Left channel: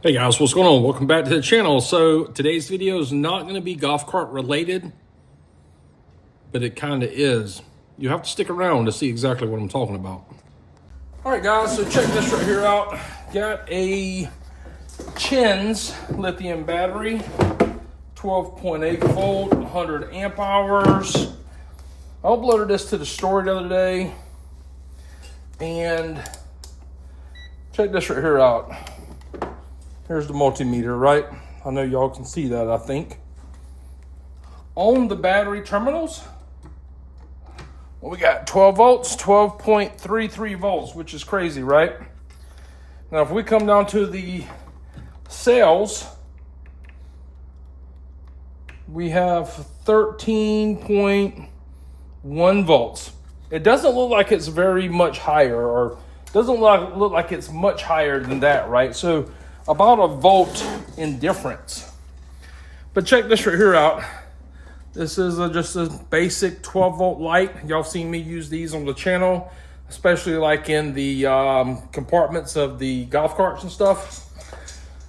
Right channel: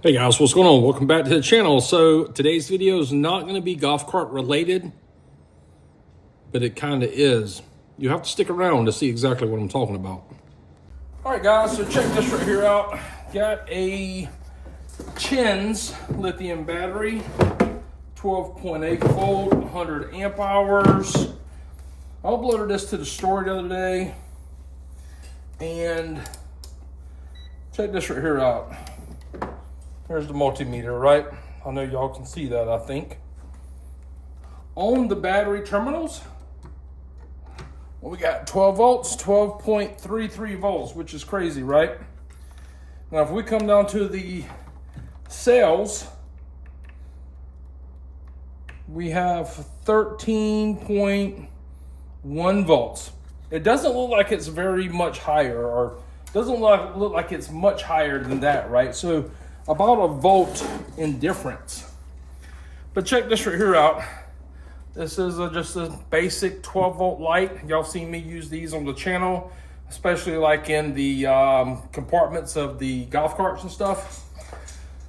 Hey guys, what's going on? Welcome back to the channel. So today's video is not going to be golf cart related, but it kind of is. You have to stick around to see exactly what I'm talking about. All right guys, so check this right here out. Got a Chins lithium battery, 12.8 volt, 100 amp hours. I uploaded this to the store the other day, and check this right here out. Here's the multimeter, right? I know y'all can see that, I think. On the battery terminals, well, we got 12 volts, 12.33 volts, which is crazy, right? Now, if we come down to the cells, we have 13.1 volts. It doesn't look like it's very much higher, or doesn't look like it's much higher than that, right? So about a volt in difference. But check this right here out. This is just a basic 12 volt light. Y'all seen me use these on the channel, especially like in the compartments of the golf carts and stuff.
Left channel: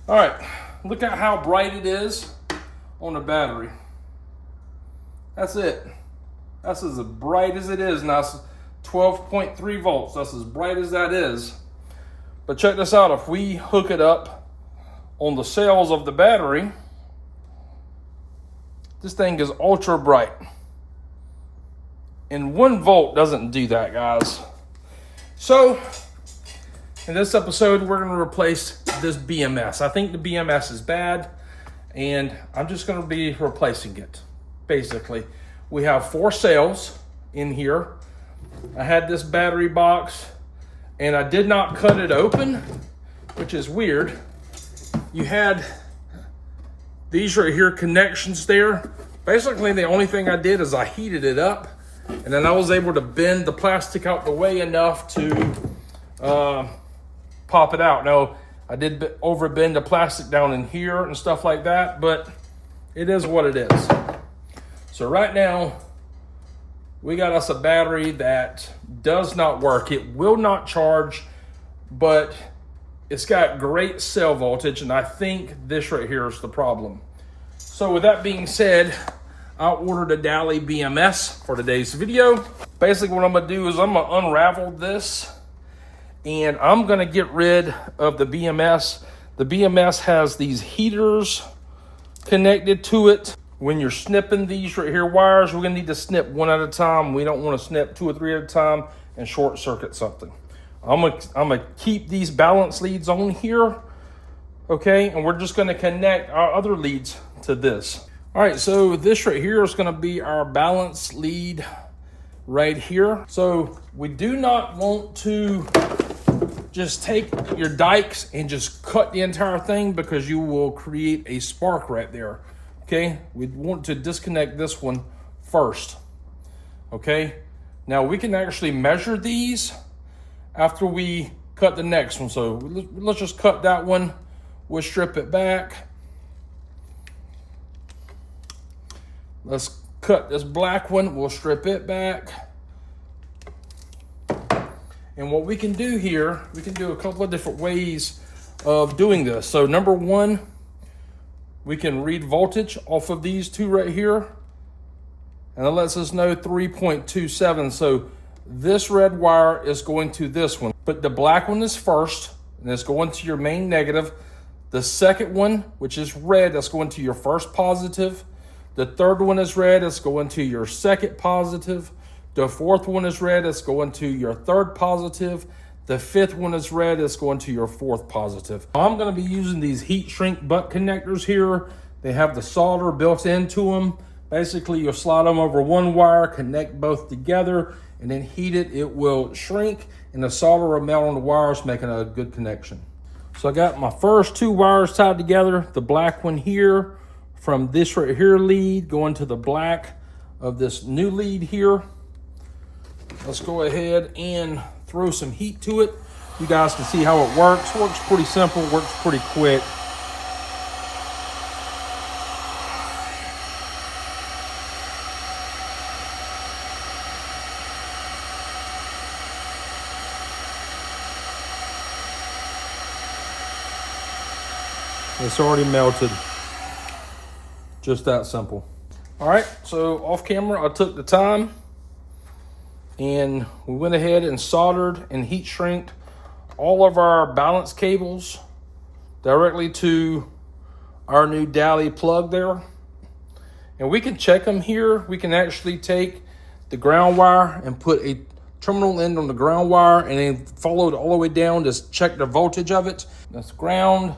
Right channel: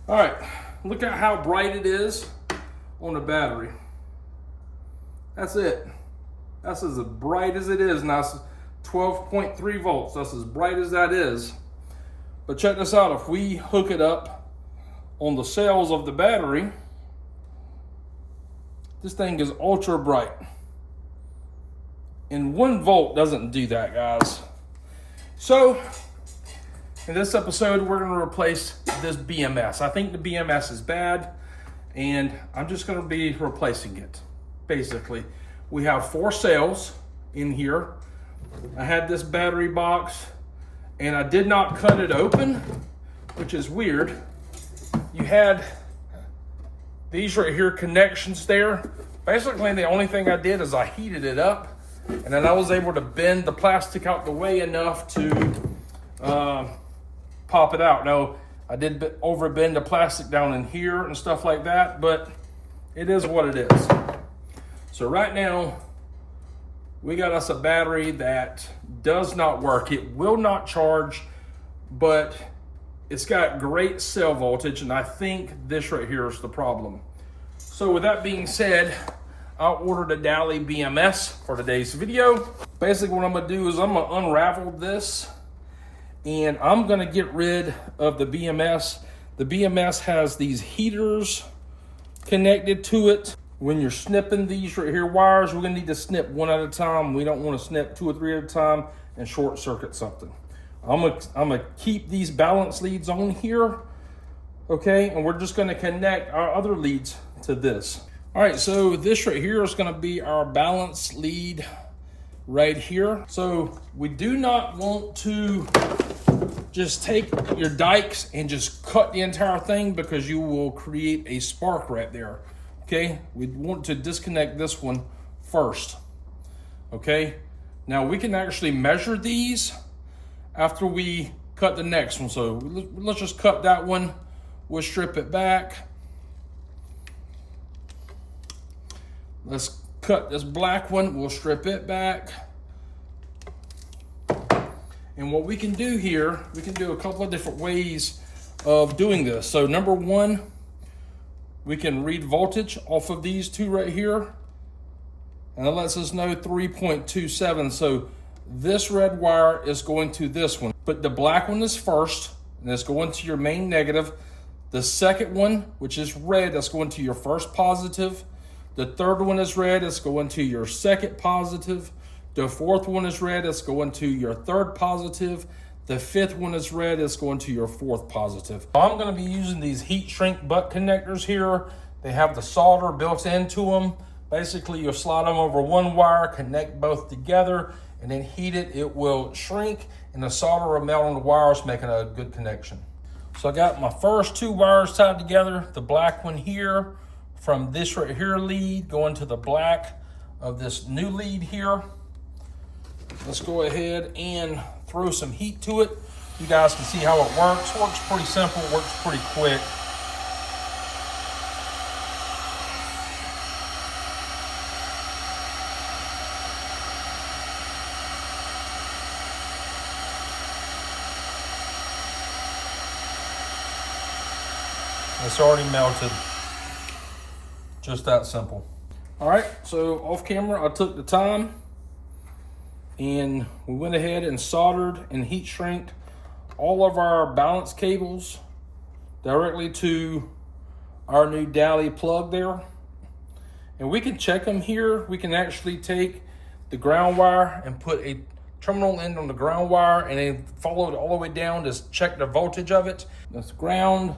All right, look at how bright it is on the battery. That's it. That's as bright as it is. Now it's 12.3 volts. That's as bright as that is. But check this out. If we hook it up on the cells of the battery, this thing is ultra bright. And 1 volt doesn't do that, guys. So in this episode, we're going to replace this BMS. I think the BMS is bad, and I'm just going to be replacing it. Basically, we have 4 cells in here. I had this battery box, and I did not cut it open, which is weird. You had these right here connections there. Basically, the only thing I did is I heated it up, and then I was able to bend the plastic out the way enough to pop it out. Now, I did overbend the plastic down in here and stuff like that, but it is what it is. So right now, we got us a battery that does not work. It will not charge, but it's got great cell voltage, and I think this right here is the problem. So with that being said, I ordered a Dally BMS for today's video. Basically what I'm gonna do is I'm gonna unravel this, and I'm gonna get rid of the BMS. The BMS has these heaters connected to it. When you're snipping these right here wires, we're gonna need to snip one at a time. We don't wanna snip 2 or 3 at a time and short circuit something. I'm gonna keep these balance leads on here, okay? And we're just gonna connect our other leads to this. All right, so this right here is gonna be our balance lead right here. So we do not want to just take your dikes and just cut the entire thing, because you will create a spark right there, okay? We want to disconnect this one first, okay? Now we can actually measure these after we cut the next one. So let's just cut that one. We'll strip it back. Let's cut this black one. We'll strip it back. And what we can do here, we can do a couple of different ways of doing this. So number one, we can read voltage off of these 2 right here, and it lets us know 3.27. So this red wire is going to this one, but the black one is first, and it's going to your main negative. The second one, which is red, that's going to your first positive. The third one is red, it's going to your second positive. The fourth one is red, it's going to your third positive. The fifth one is red, it's going to your fourth positive. I'm gonna be using these heat shrink butt connectors here. They have the solder built into them. Basically, you'll slide them over one wire, connect both together, and then heat it. It will shrink, and the solder will melt on the wires, making a good connection. So I got my first 2 wires tied together. The black one here from this right here lead going to the black of this new lead here. Let's go ahead and throw some heat to it. You guys can see how it works. Works pretty simple, works pretty quick. It's already melted. Just that simple. All right, so off camera, I took the time and we went ahead and soldered and heat shrinked all of our balance cables directly to our new Dally plug there. And we can check them here. We can actually take the ground wire and put a terminal end on the ground wire and then follow it all the way down to check the voltage of it. That's ground,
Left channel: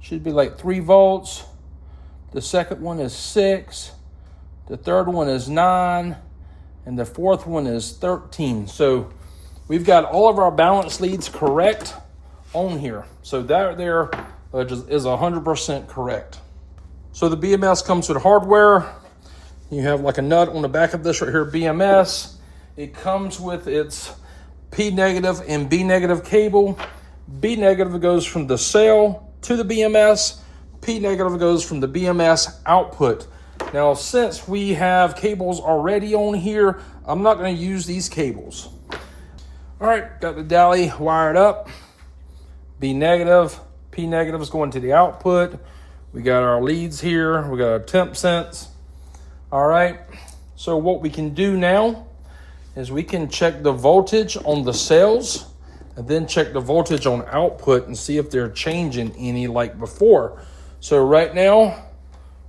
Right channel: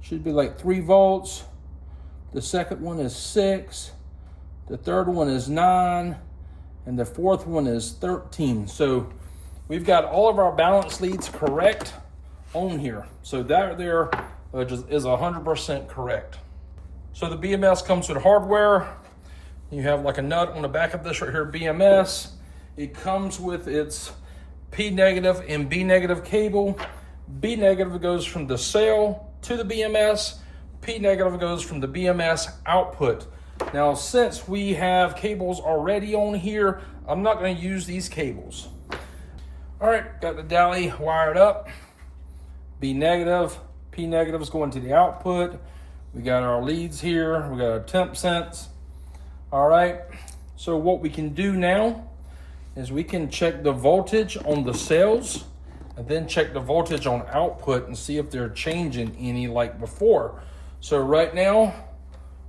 should be like 3 volts. The second one is 6. The third one is 9. And the fourth one is 13. So we've got all of our balance leads correct on here. So that there is 100% correct. So the BMS comes with hardware. You have like a nut on the back of this right here, BMS. It comes with its P negative and B negative cable. B negative goes from the cell to the BMS. P negative goes from the BMS output. Now, since we have cables already on here, I'm not going to use these cables. All right, got the Dally wired up. B negative, P negative is going to the output. We got our leads here. We got our temp sense. All right, so what we can do now is we can check the voltage on the cells and then check the voltage on output and see if they're changing any like before. So right now,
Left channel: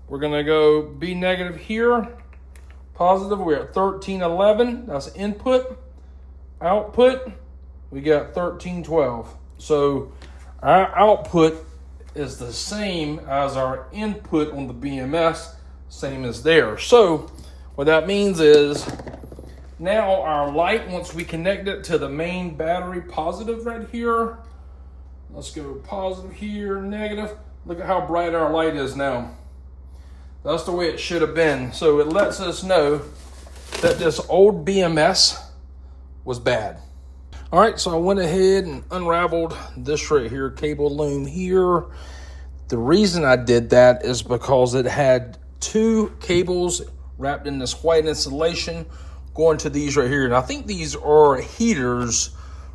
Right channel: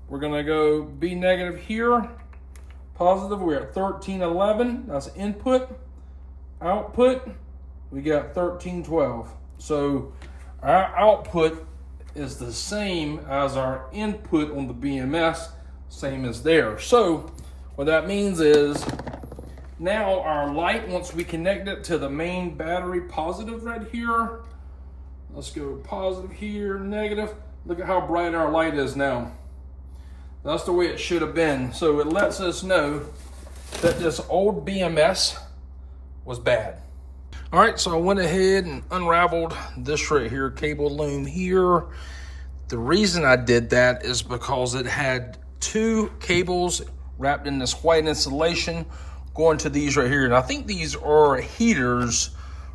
we're gonna go B negative here, positive, we're at 1311, that's input. Output, we got 1312. So our output is the same as our input on the BMS, same as there. So what that means is now our light, once we connect it to the main battery positive right here, let's go positive here, negative. Look at how bright our light is now. That's the way it should have been. So it lets us know that this old BMS was bad. All right, so I went ahead and unraveled this right here, cable loom here. The reason I did that is because it had 2 cables wrapped in this white insulation going to these right here. And I think these are heaters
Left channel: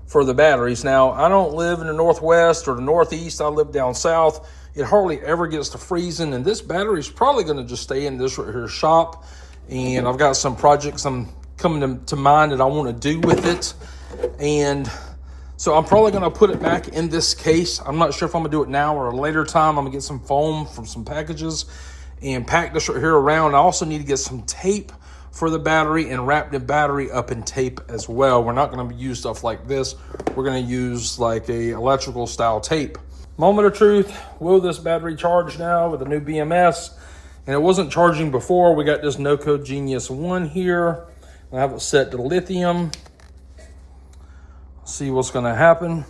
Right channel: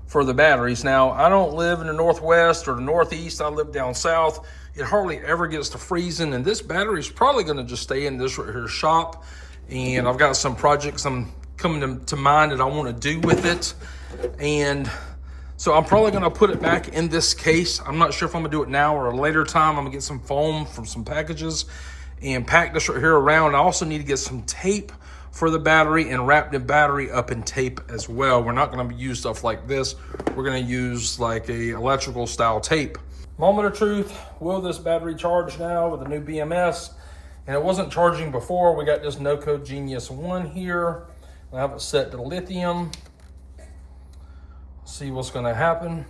for the batteries. Now, I don't live in the Northwest or the Northeast. I live down south. It hardly ever gets to freezing, and this battery is probably going to just stay in this right here shop. And I've got some projects I'm coming to mind that I want to do with it. And so I'm probably going to put it back in this case. I'm not sure if I'm going to do it now or a later time. I'm going to get some foam from some packages and pack this right here around. I also need to get some tape for the battery and wrap the battery up in tape as well. We're not going to use stuff like this. We're going to use like a electrical style tape. Moment of truth, will this battery charge now with the new BMS? And it wasn't charging before. We got this No-Code Genius 1 here. I have it set to lithium. See what's gonna happen.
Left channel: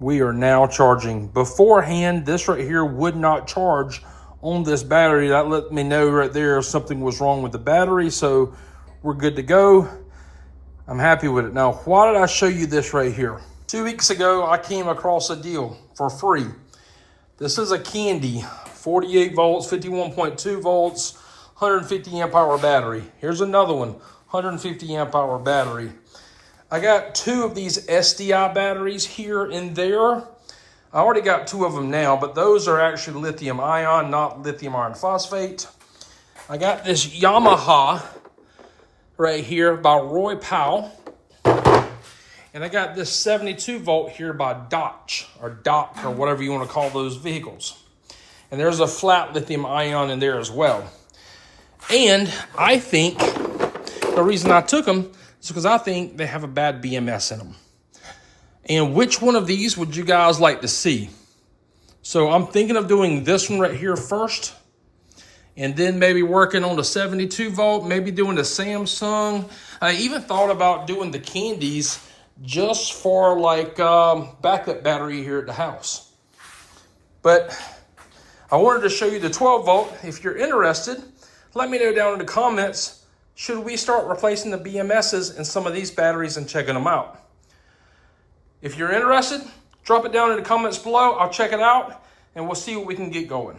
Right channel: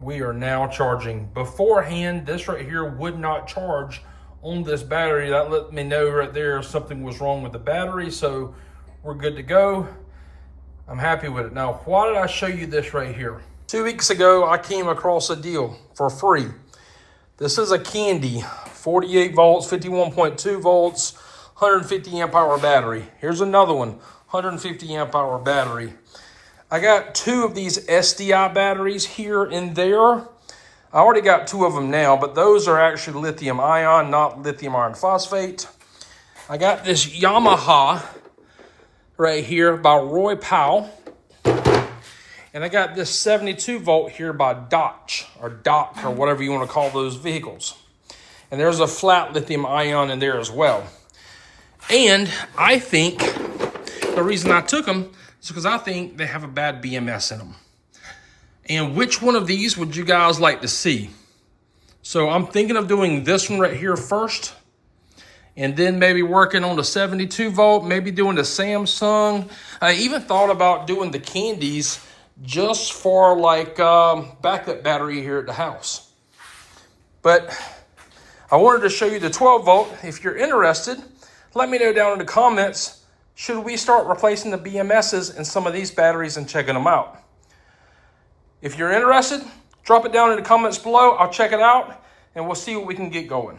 We are now charging. Beforehand, this right here would not charge on this battery. That let me know right there something was wrong with the battery, so we're good to go. I'm happy with it. Now, why did I show you this right here? 2 weeks ago, I came across a deal for free. This is a Candy, 48 volts, 51.2 volts, 150 amp hour battery. Here's another one, 150 amp hour battery. I got 2 of these SDI batteries here and there. I already got 2 of them now, but those are actually lithium ion, not lithium iron phosphate. I got this Yamaha right here by Roy Powell. And I got this 72 volt here by Dodge or Doc or whatever you want to call those vehicles. And there's a flat lithium ion in there as well. And I think the reason I took them is because I think they have a bad BMS in them. And which one of these would you guys like to see? So I'm thinking of doing this one right here first. And then maybe working on the 72 volt, maybe doing the Samsung. I even thought about doing the Candies just for like backup battery here at the house. But I wanted to show you the 12 volt. If you're interested, let me know down in the comments, should we start replacing the BMSs in some of these batteries and checking them out? If you're interested, drop it down in the comments below. I'll check it out and we'll see what we can get going.